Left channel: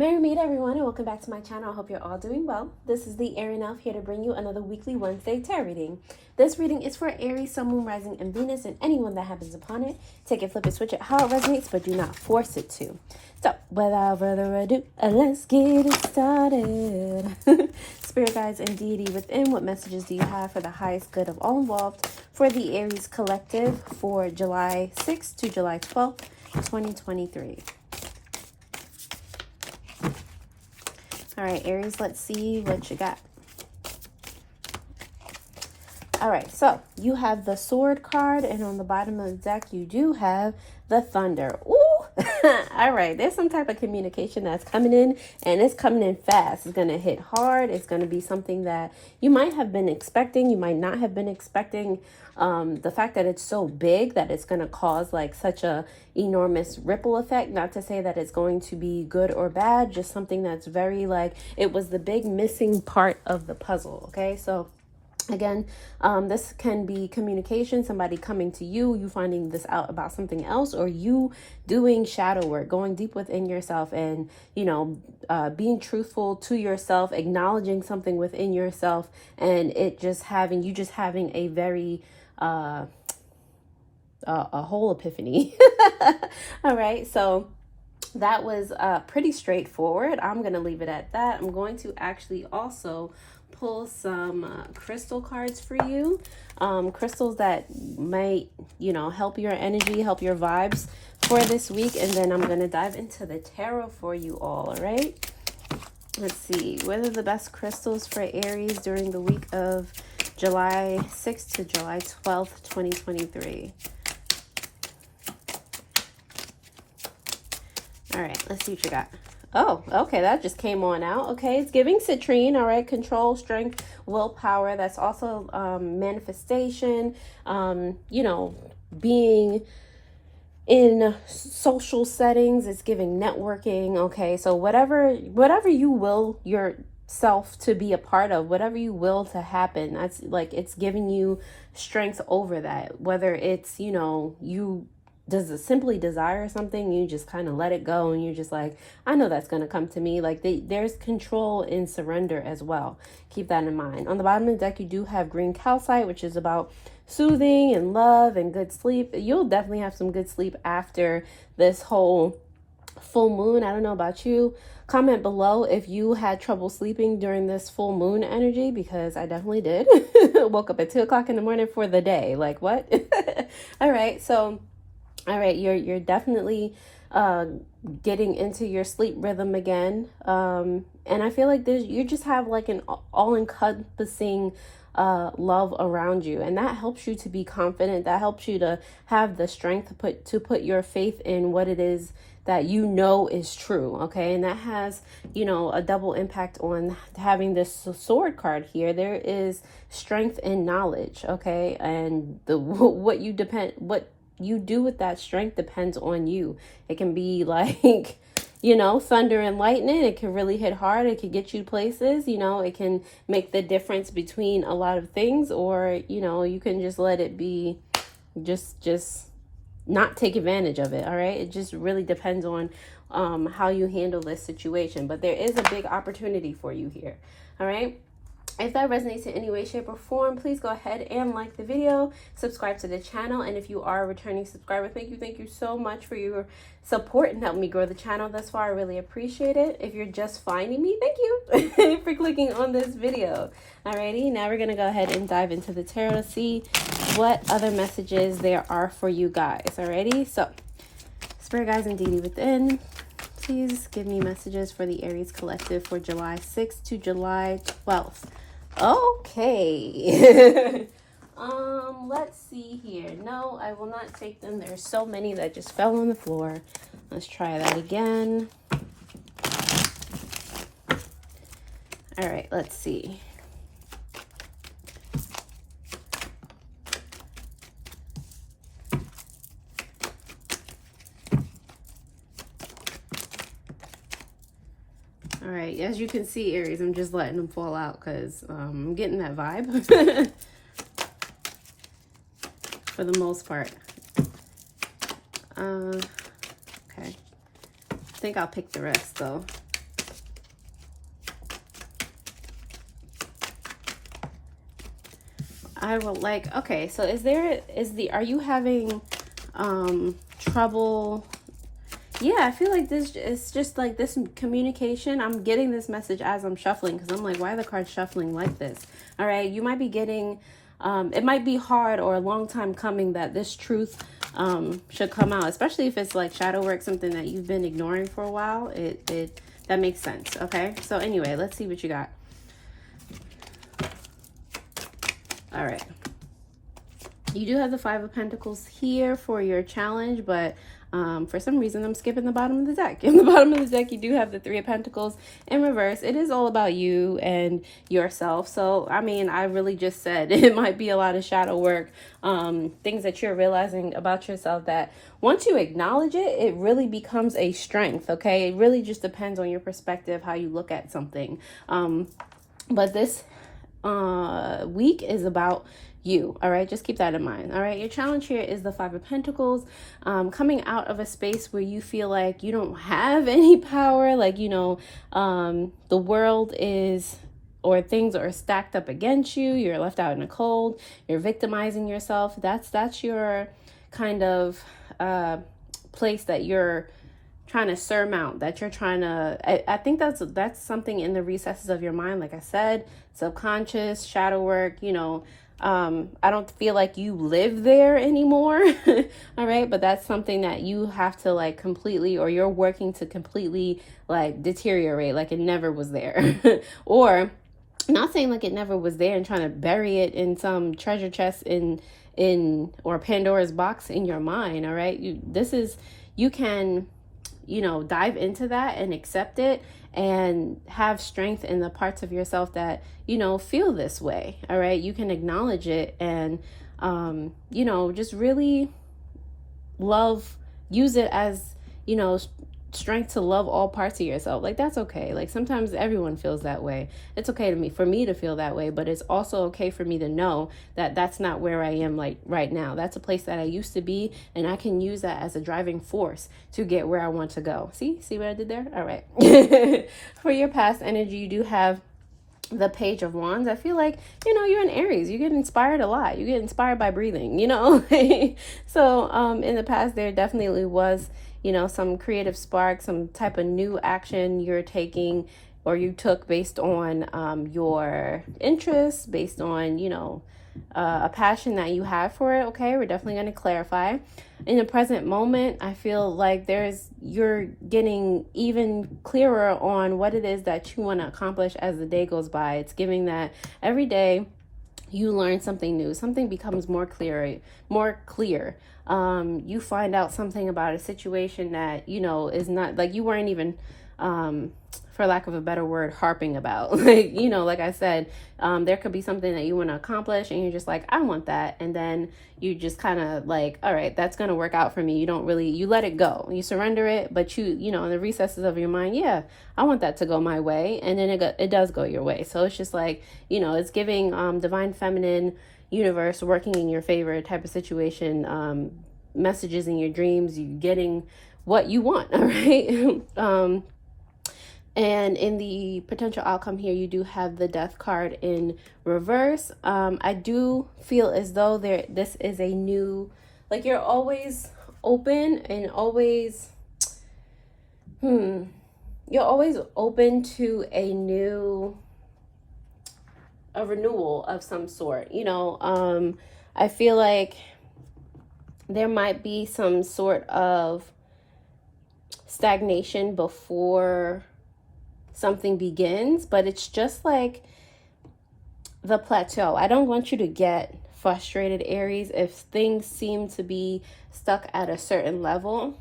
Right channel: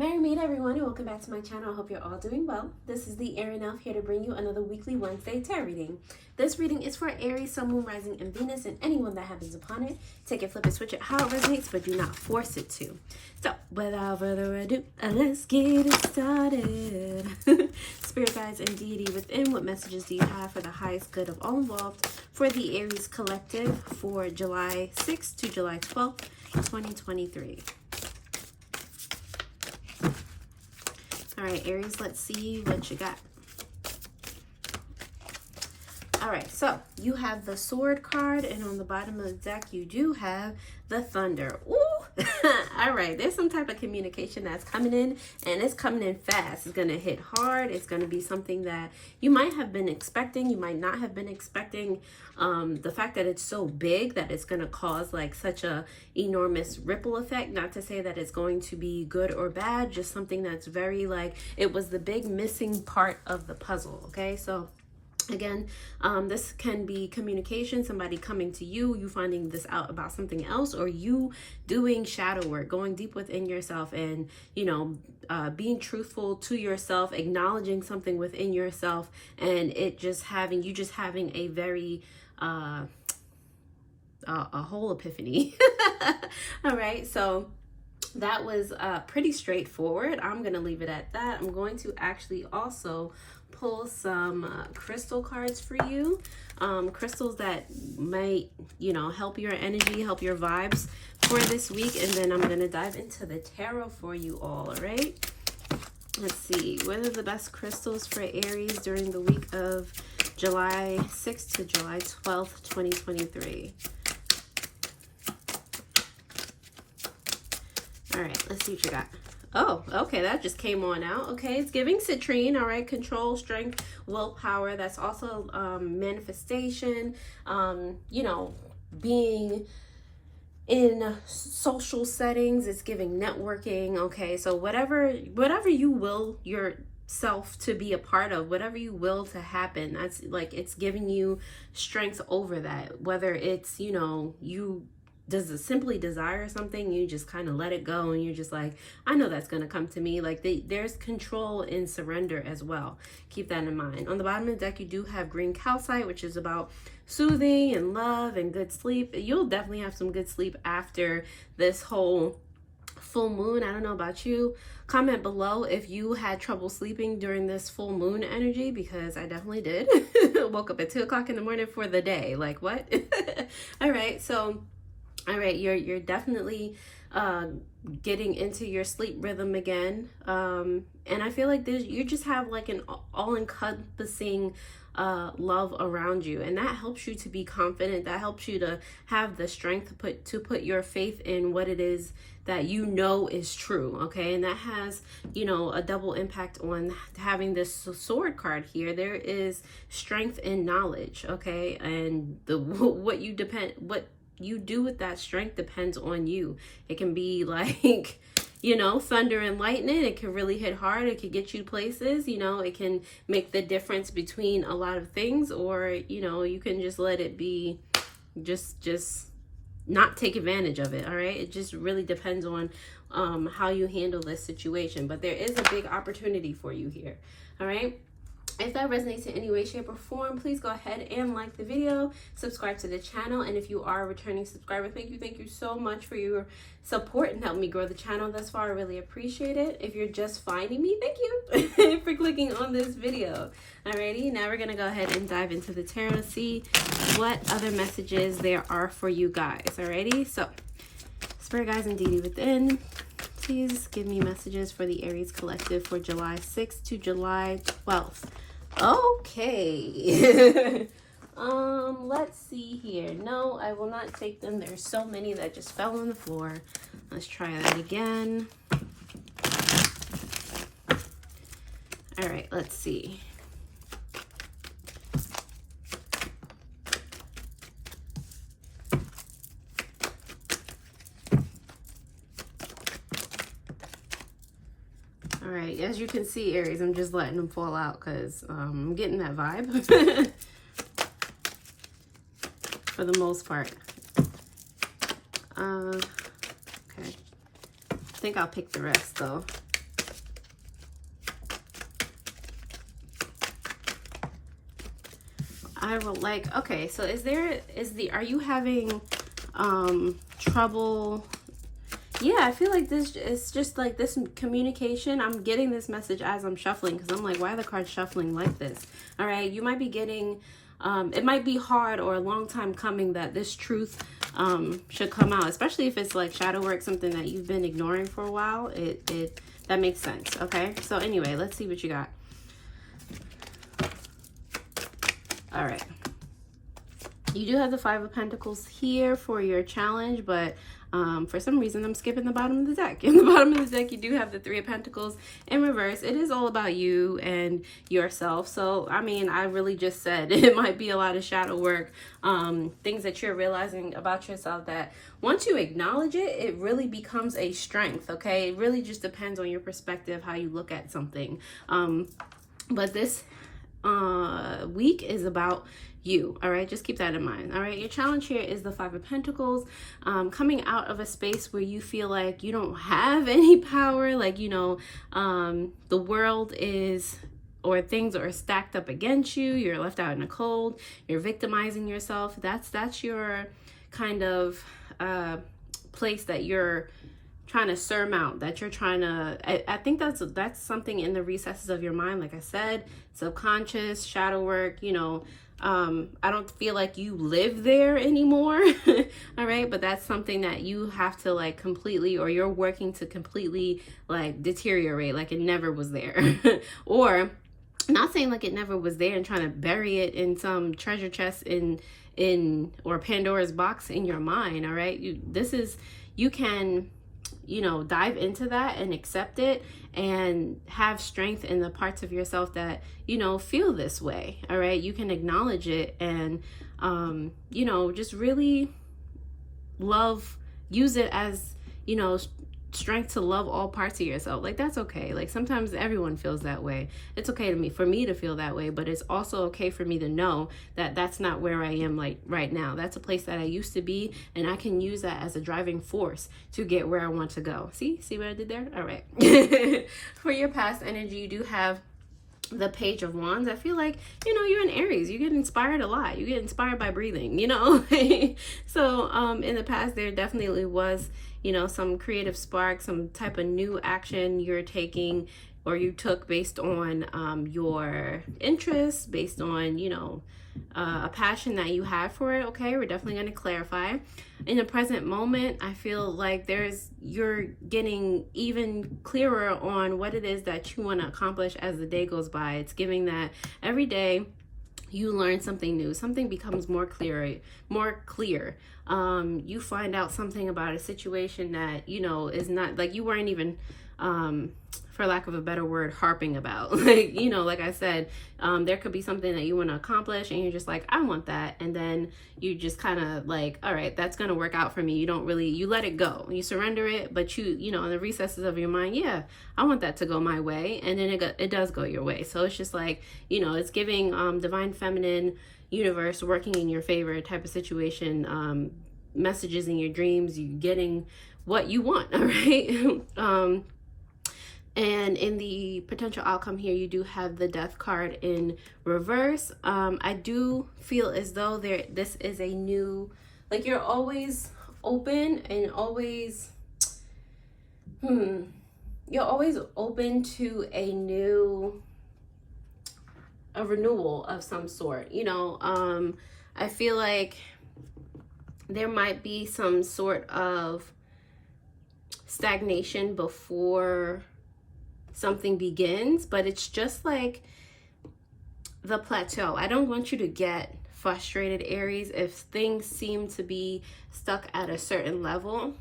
Merry meet everyone, and welcome back to my channel. I hope you're all doing well. This is the Arian elf here to bring you another weekly Wednesday tarot reading. This reading is for Aries, Sun, Moon, Rising, and Venus, and anyone that happens upon it. Take it, flip it, switch it, how it resonates, but do not force it to. So, without further ado, let's get it started. Spirit guides and deity within, what messages do you have for the highest good of all involved for the Aries Collective for July 6th to July 12th, 2023? All right, Aries, let's see what you got. All right, so you have the Sword card, and on the bottom of the deck, you do have the Thunder. Ooh! All right, there's some type of communication that's coming in, and it's coming in fast. It's going to hit hard. It's going to be something that you might have been expecting. You might not have been expecting. The fact that it's so big that it's going to cause like such a enormous ripple effect. Not to say that it's going to be good or bad, just something that's very like, it was the big missing part of the puzzle. Okay, so again, this can be communication, somebody coming to you, you finding this out about something else, or you doing shadow work, going deep within yourself and, you know, being truthful to yourself, acknowledging something within yourself, and it just having, you just having a very, a whole epiphany. All right, so that was pretty straightforward. I'm going to leave it at that. I'm going to actually also pull some crystal cards for you, crystals that might, you know, help your energy, help your vibes for this week, and then I'm going to dive into the tarot for you all right? Let's see, what are the best crystals for Aries during the week of July 6th to July 12th, 2023? All right, let's see what you got. Oh, okay, that just came on out. Okay, it's giving citrine, all right, control, strength, willpower. That's also manifestation, you know, being in social settings. It's giving networking, okay? So whatever you will yourself to be a part of, whatever you will to happen, that's like, it's giving you strength over that. Whether it's, you know, you simply desire something, you just kind of let it go, and you're just like, I know that's going to come to me. Like there's control in surrender as well. Keep that in mind. On the bottom of the deck, you do have green calcite, which is about soothing and love and good sleep. You'll definitely have some good sleep after this whole full moon. I don't know about you. Comment below if you had trouble sleeping during this full moon energy, because I definitely did. Woke up at 2 o'clock in the morning for the day. Like what? All right, so all right, you're definitely getting into your sleep rhythm again, and I feel like you just have like an all-encompassing love around you, and that helps you to be confident. That helps you to have the strength to put your faith in what it is that you know is true. Okay, and that has, you know, a double impact on having this sword card here. There is strength in knowledge. Okay, and what you do with that strength depends on you. It can be like, you know, thunder and lightning. It can really hit hard. It can get you places, you know, it can make the difference between a lot of things, or, you know, you can just let it be, just not take advantage of it. All right. It just really depends on how you handle this situation, but there is a big opportunity for you here. All right. If that resonates in any way, shape, or form, please go ahead and like the video, subscribe to the channel, and if you are a returning subscriber, thank you so much for your support and helping me grow the channel thus far. I really appreciate it. If you're just finding me, thank you for clicking on this video. Alrighty, now we're gonna go ahead and dive into the tarot to see what other messages there are for you guys. Alrighty, so Spirit guides and deity within, please give me messages for the Aries Collective for July 6th to July 12th. Okay. Let's see here. No, I will not take them. There's so many that just fell on the floor. Let's try that again. All right, let's see. All right, as you can see, Aries, I'm just letting them fall out because I'm getting that vibe for the most part. Okay, I think I'll pick the rest though. I would like, okay, so are you having trouble? Yeah, I feel like this is just like this communication. I'm getting this message as I'm shuffling, because I'm like, why are the cards shuffling like this? All right, you might be getting, it might be hard or a long time coming that this truth should come out, especially if it's like shadow work, something that you've been ignoring for a while. That makes sense. Okay, so anyway, let's see what you got. All right, you do have the Five of Pentacles here for your challenge, but for some reason I'm skipping the bottom of the deck. In the bottom of the deck, you do have the Three of Pentacles in reverse. It is all about you and yourself. So I mean, I really just said it might be a lot of shadow work, things that you're realizing about yourself that once you acknowledge it, it really becomes a strength. Okay, it really just depends on your perspective, how you look at something. But this week is about you. All right, just keep that in mind. All right, your challenge here is the Five of Pentacles, coming out of a space where you feel like you don't have any power, like, you know, the world is, or things are stacked up against you, you're left out in the cold, you're victimizing yourself. That's your kind of place that you're trying to surmount, that you're trying to, I think that's something in the recesses of your mind. Like I said, subconscious, shadow work, you know. I don't feel like you live there anymore. All right, but that's something that you have to like completely, or you're working to completely like deteriorate, like it never was there. Or not saying like it never was there and trying to bury it in some treasure chest in or Pandora's box in your mind. All right, you can, you know, dive into that and accept it and have strength in the parts of yourself that, you know, feel this way. All right, you can acknowledge it and you know, just really use it as, you know, strength to love all parts of yourself. Like, that's okay. Like, sometimes everyone feels that way. It's okay for me to feel that way, but it's also okay for me to know that that's not where I am like right now. That's a place that I used to be, and I can use that as a driving force to get where I want to go. See what I did there? All right. For your past energy, you do have the Page of Wands. I feel like, you know, you're in Aries. You get inspired a lot. You get inspired by breathing, you know. So in the past, there definitely was, you know, some creative spark, some type of new action you're taking or you took based on your interests, based on, you know, a passion that you have for it. Okay, we're definitely going to clarify. In the present moment, I feel like you're getting even clearer on what it is that you want to accomplish as the day goes by. It's giving that every day you learn something new, something becomes more clear. You find out something about a situation that, you know, is not like you weren't even for lack of a better word, harping about. Like, you know, like I said, there could be something that you want to accomplish and you're just like, I want that. And then you just kind of like, all right, that's going to work out for me. You let it go. You surrender it, but you know, in the recesses of your mind, yeah, I want that to go my way. And then it does go your way. So it's just like, you know, it's giving divine feminine universe working in your favor type of situation, messages in your dreams, you getting what you want. All right. And in the potential outcome here, you do have the Death card in reverse. I do feel as though this is a new, like, you're always open and always, you're always open to a renewal of some sort. You know, I feel like there might be some sort of stagnation before something begins, but it's just like the plateau. I don't want you to get frustrated, Aries, if things seem to be stuck at a certain level,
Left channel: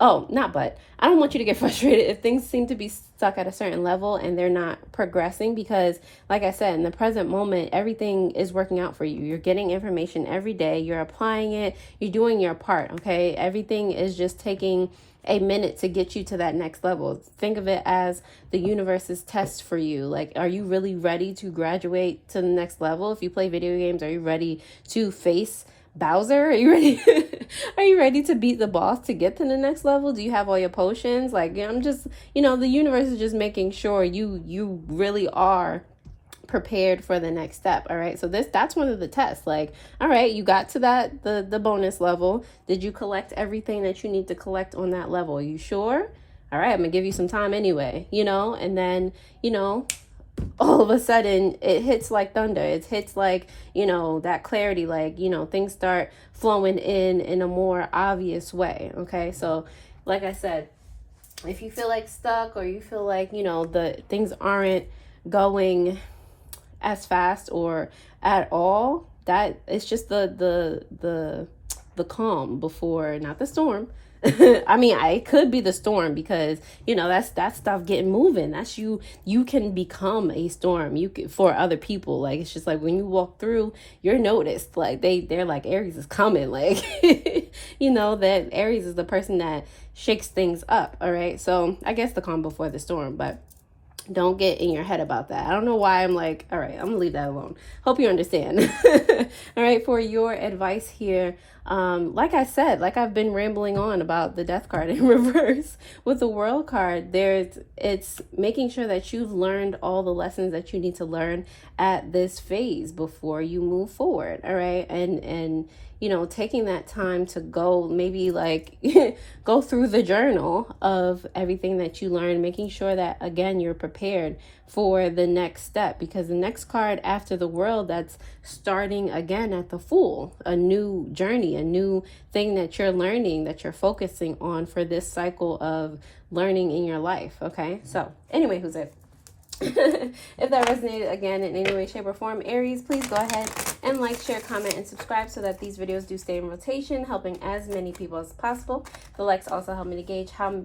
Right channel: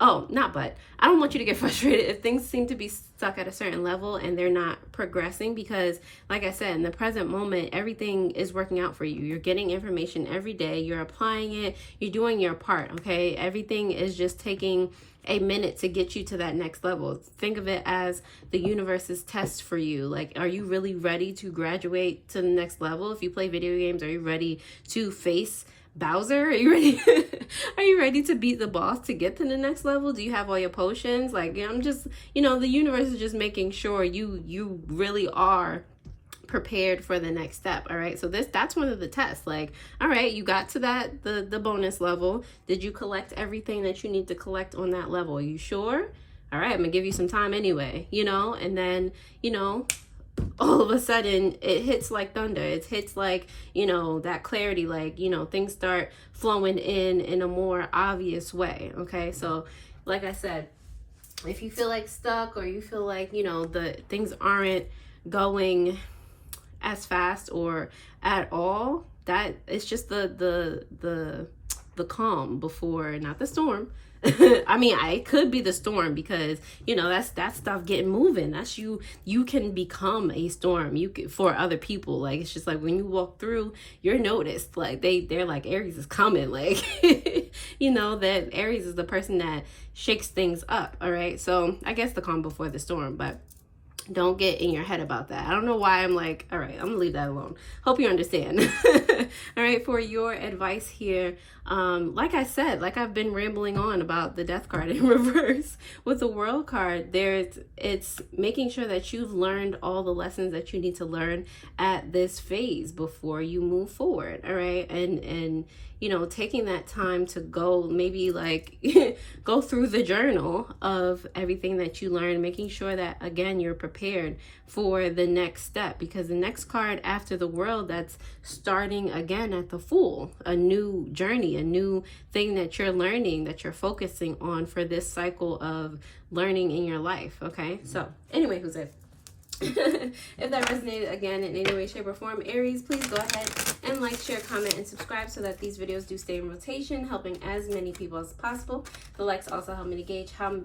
I don't want you to get frustrated if things seem to be stuck at a certain level and they're not progressing, because like I said, in the present moment, everything is working out for you. You're getting information every day, you're applying it, you're doing your part. Okay, everything is just taking a minute to get you to that next level. Think of it as the universe's test for you. Like, are you really ready to graduate to the next level? If you play video games, are you ready to face Bowser? Are you ready? Are you ready to beat the boss to get to the next level? Do you have all your potions? Like, I'm just, you know, the universe is just making sure you really are prepared for the next step. All right, so that's one of the tests. Like, all right, you got to that the bonus level. Did you collect everything that you need to collect on that level? Are you sure? All right, I'm gonna give you some time anyway, you know. And then, you know, all of a sudden it hits like thunder. It hits like, you know, that clarity, like, you know, things start flowing in a more obvious way. Okay, so like I said, if you feel like stuck, or you feel like, you know, the things aren't going as fast or at all, that it's just the calm before, not the storm. I mean, it could be the storm, because, you know, that's that stuff getting moving. That's you can become a storm for other people. Like, it's just like when you walk through, you're noticed. Like they're like, Aries is coming. Like, you know, that Aries is the person that shakes things up. All right, so I guess the calm before the storm, but don't get in your head about that. I don't know why I'm like, all right, I'm gonna leave that alone. Hope you understand. All right, for your advice here, like I said, like I've been rambling on about the Death card in reverse. With the World card, it's making sure that you've learned all the lessons that you need to learn at this phase before you move forward. All right, and you know, taking that time to go, maybe like go through the journal of everything that you learned, making sure that, again, you're prepared for the next step, because the next card after the World, that's starting again at the Fool, a new journey, a new thing that you're learning, that you're focusing on for this cycle of learning in your life. Okay, so anyway, who's it? If that resonated, again, in any way, shape, or form, Aries, please go ahead and like, share, comment, and subscribe so that these videos do stay in rotation, helping as many people as possible. The likes also help me to gauge how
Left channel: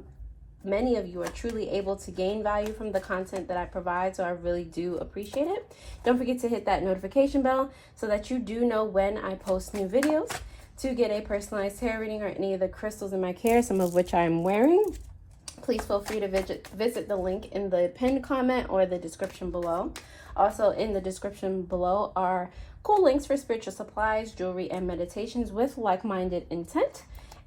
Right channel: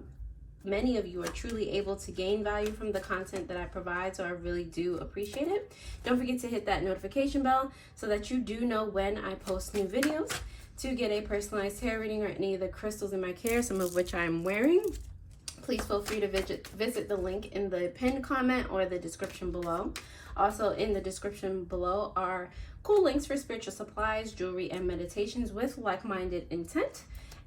many of you are truly able to gain value from the content that I provide, so I really do appreciate it. Don't forget to hit that notification bell so that you do know when I post new videos. To get a personalized tarot reading or any of the crystals in my care, some of which I'm wearing, please feel free to visit the link in the pinned comment or the description below. Also in the description below are cool links for spiritual supplies, jewelry, and meditations with like-minded intent.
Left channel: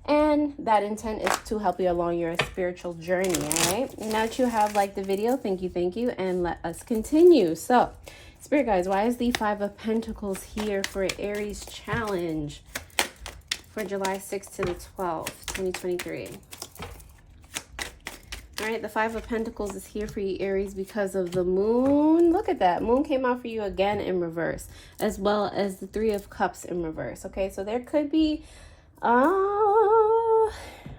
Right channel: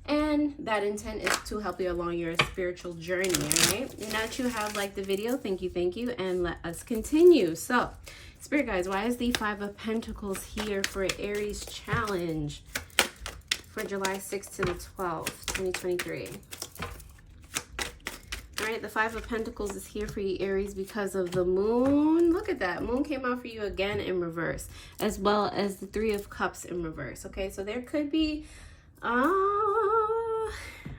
And that intent is to help you along your spiritual journey, all right? And now that you have liked the video, thank you, and let us continue. So, Spirit guides, why is the Five of Pentacles here for Aries challenge for July 6th to the 12th, 2023? All right, the Five of Pentacles is here for you, Aries, because of the Moon. Look at that. Moon came out for you again in reverse, as well as the Three of Cups in reverse. Okay, so there could be, all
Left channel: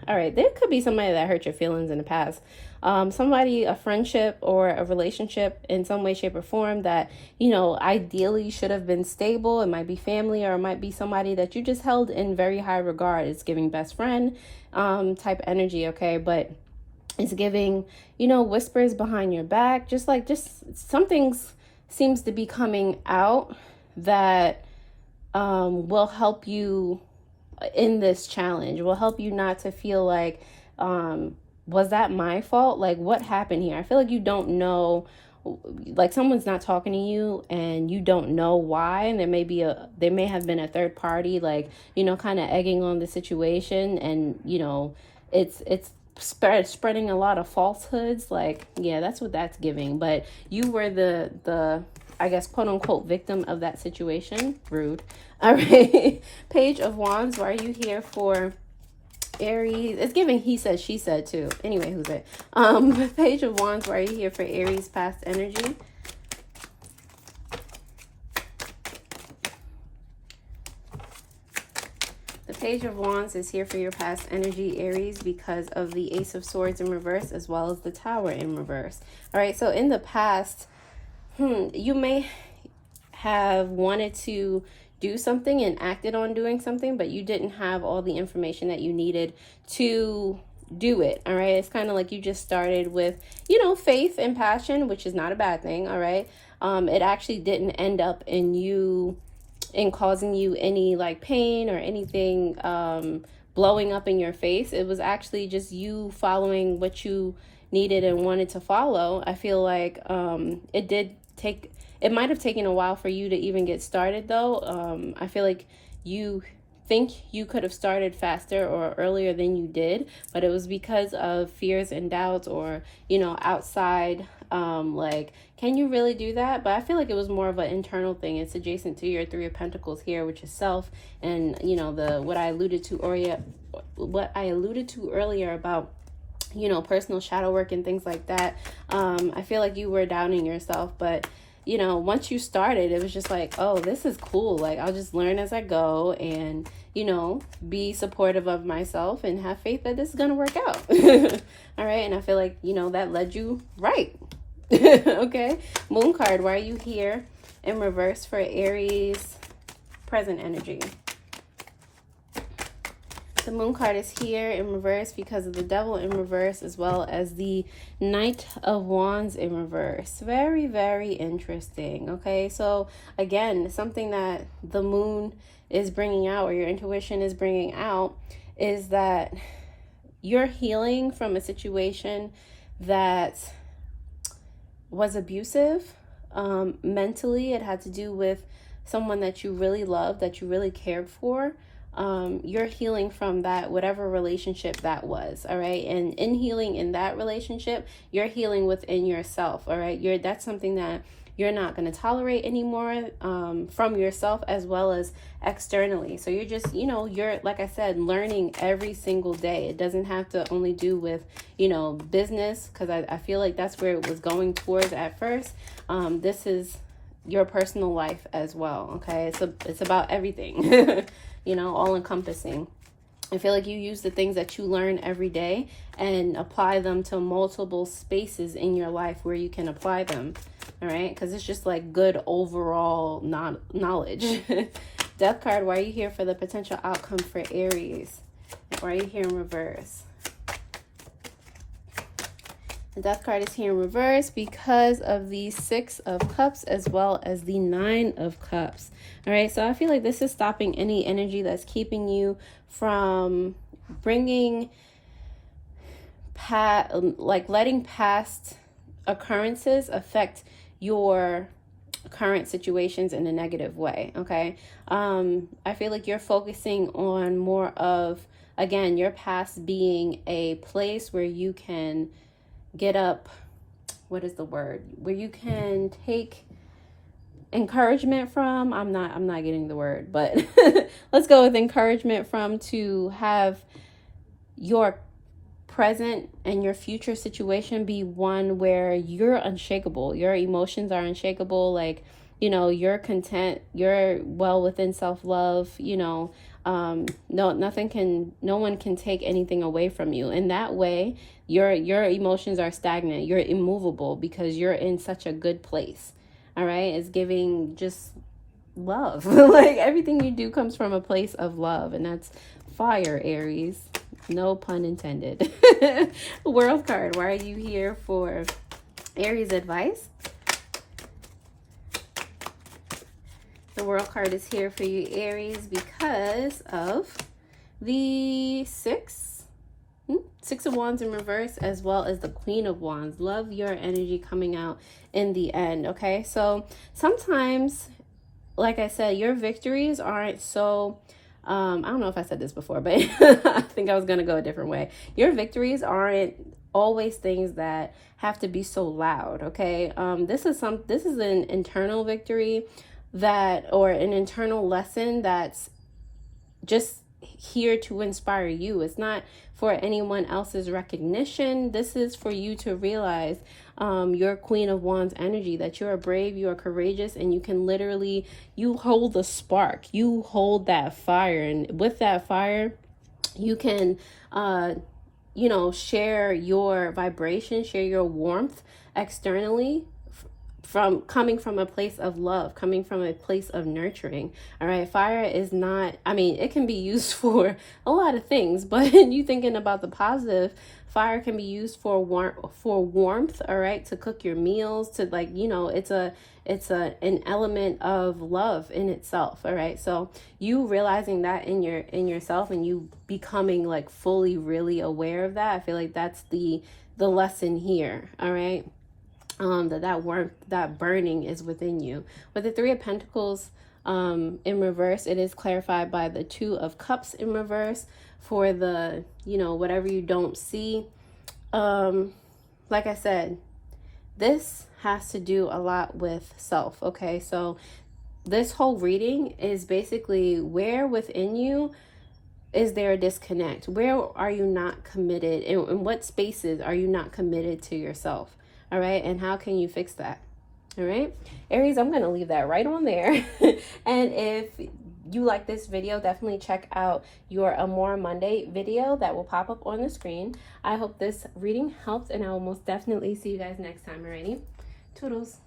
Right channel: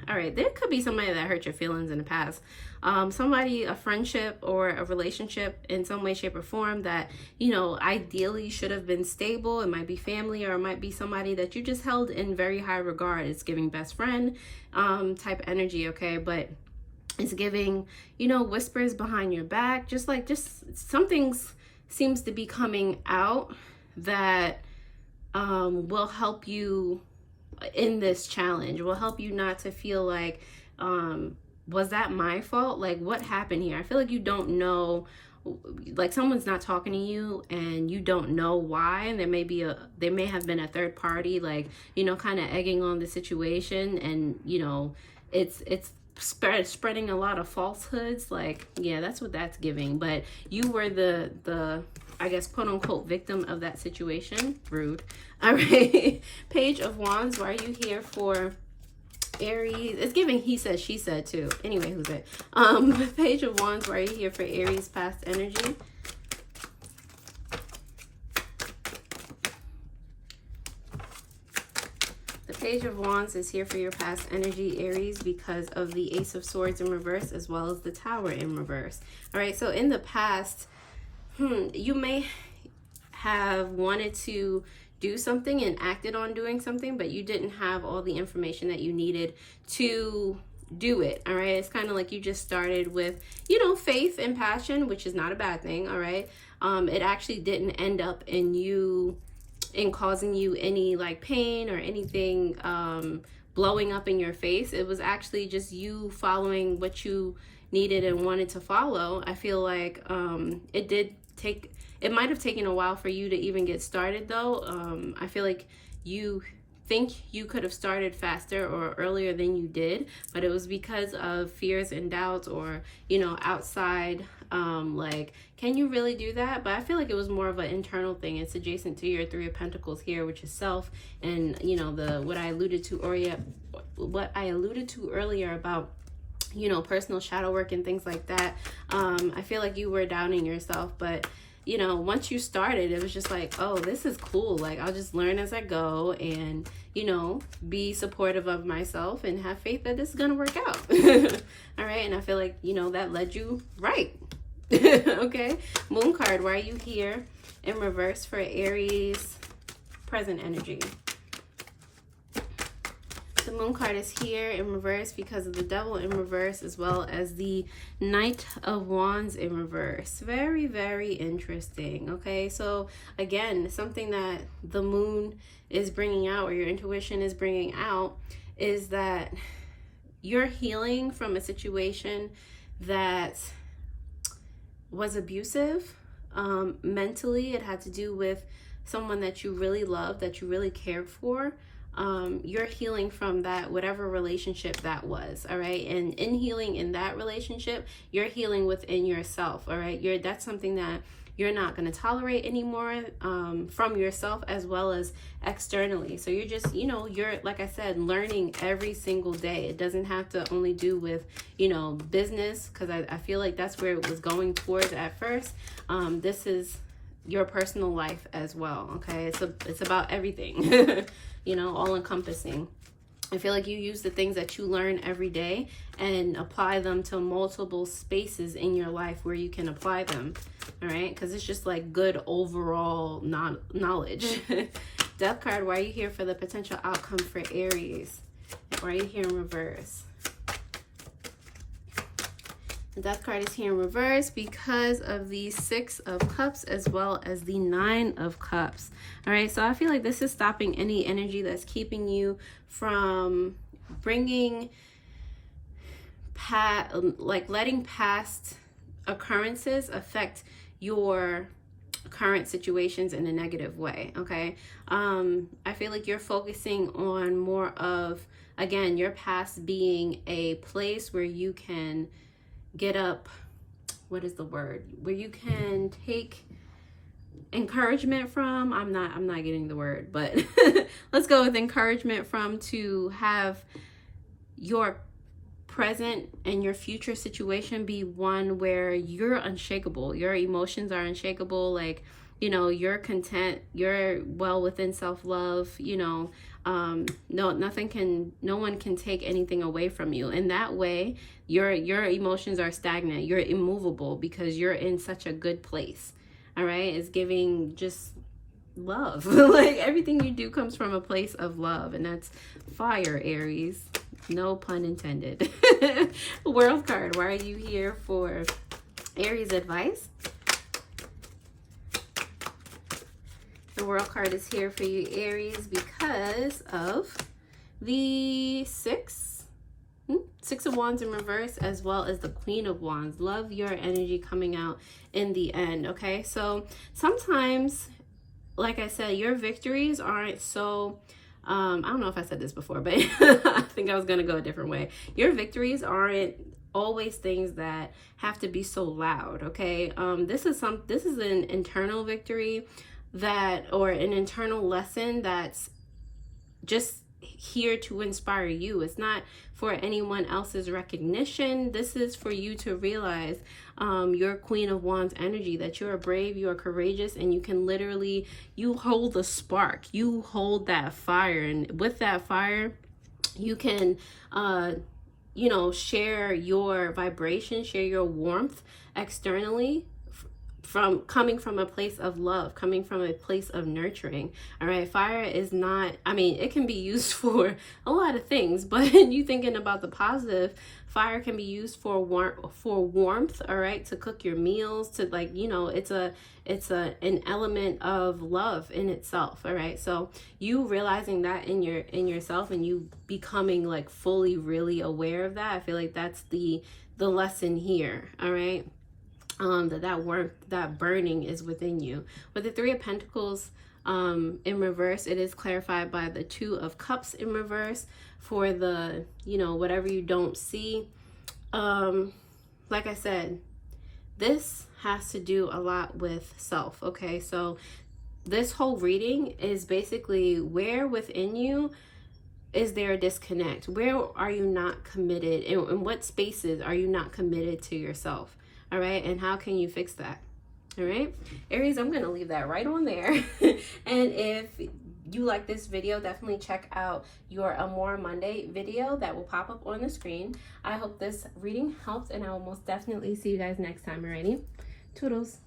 right, there could be somebody that hurt your feelings in the past. Somebody, a friendship or a relationship in some way, shape, or form that, you know, ideally should have been stable. It might be family, or it might be somebody that you just held in very high regard. It's giving best friend type energy, okay? But it's giving, you know, whispers behind your back, just something seems to be coming out that will help you in this challenge, will help you not to feel like, was that my fault? Like, what happened here? I feel like you don't know, like someone's not talking to you and you don't know why, and there may have been a third party, like, you know, kind of egging on the situation, and, you know, it's spreading a lot of falsehoods. Like, yeah, that's what that's giving. But you were the I guess, quote unquote, victim of that situation. Rude. All right. Page of Wands, why are you here for Aries? It's giving he said, she said too. Anyway, who's it? Page of Wands, why are you here for Aries past energy? Page of Wands is here for your past energy, Aries, because of the Ace of Swords in reverse, as well as the Tower in reverse. All right, so in the past, you may have wanted to do something and acted on doing something, but you didn't have all the information that you needed to do it. All right, it's kind of like you just started with, you know, faith and passion, which is not a bad thing. All right, it actually didn't end up in causing you any like pain or anything blowing up in your face. It was actually just you following what you needed and wanted to follow. I feel like it might have taken a while for you to even get started though. I feel like you think you could have started faster or earlier than you did, but it was because of fears and doubts, or, you know, outside, like, can you really do that? But I feel like it was more of an internal thing. It's adjacent to your Three of Pentacles here, which is self, and, you know, what I alluded to earlier about, you know, personal shadow work and things like that. I feel like you were doubting yourself, but, you know, once you started, it was just like, oh, this is cool. Like, I'll just learn as I go, and, you know, be supportive of myself and have faith that this is going to work out. All right. And I feel like, you know, that led you right. Okay. Moon card, why are you here in reverse for Aries present energy? The Moon card is here in reverse because of the Devil in reverse, as well as the Knight of Wands in reverse. Very, very interesting. Okay, so again, something that the Moon is bringing out, or your intuition is bringing out, is that you're healing from a situation that was abusive. Mentally, it had to do with someone that you really loved, that you really cared for. You're healing from that, whatever relationship that was. All right. And in healing in that relationship, you're healing within yourself. All right. That's something that you're not going to tolerate anymore, from yourself as well as externally. So you're just, you know, you're, like I said, learning every single day. It doesn't have to only do with, you know, business, because I feel like that's where it was going towards at first. This is your personal life as well. Okay. It's about everything. You know, all encompassing. I feel like you use the things that you learn every day and apply them to multiple spaces in your life where you can apply them. All right. Because it's just like good overall knowledge. Death card, why are you here for the potential outcome for Aries? Why are you here in reverse? The Death card is here in reverse because of the Six of Cups as well as the Nine of Cups. All right, so I feel like this is stopping any energy that's keeping you from bringing letting past occurrences affect your current situations in a negative way. Okay, I feel like you're focusing on more of, again, your past being a place where you can get up, what is the word, where you can take encouragement from. I'm not getting the word, but let's go with encouragement from, to have your present and your future situation be one where you're unshakable. Your emotions are unshakable. Like, you know, you're content, you're well within self-love, you know, no one can take anything away from you. In that way, your emotions are stagnant. You're immovable because you're in such a good place. All right. It's giving just love. Like, everything you do comes from a place of love, and that's fire, Aries. No pun intended. World card, why are you here for Aries advice? The World card is here for you, Aries, because of the Six of Wands in reverse, as well as the Queen of Wands. Love your energy coming out in the end. Okay, so sometimes, like I said, your victories aren't so I don't know if I said this before, but I think I was gonna go a different way. Your victories aren't always things that have to be so loud. Okay, this is an internal victory, or an internal lesson that's just here to inspire you. It's not for anyone else's recognition. This is for you to realize your Queen of Wands energy, that you are brave, you are courageous, and you can literally, you hold the spark, you hold that fire, and with that fire you can you know, share your vibration, share your warmth externally, coming from a place of love, coming from a place of nurturing. All right, fire is not, I mean, it can be used for a lot of things, but you thinking about the positive, fire can be used for warmth. All right, to cook your meals, to, like, you know, it's an element of love in itself. All right, so you realizing that in yourself, and you becoming like fully really aware of that, I feel like that's the lesson here. All right, that warmth, that burning is within you. With the Three of Pentacles, in reverse, it is clarified by the 2 of Cups in reverse for the, you know, whatever you don't see. Like I said, this has to do a lot with self, okay? So this whole reading is basically where within you is there a disconnect? Where are you not committed? In what spaces are you not committed to yourself? All right, and how can you fix that? All right, Aries, I'm going to leave that right on there. And if you like this video, definitely check out your Amore Monday video that will pop up on the screen. I hope this reading helped, and I will most definitely see you guys next time. Alrighty, toodles.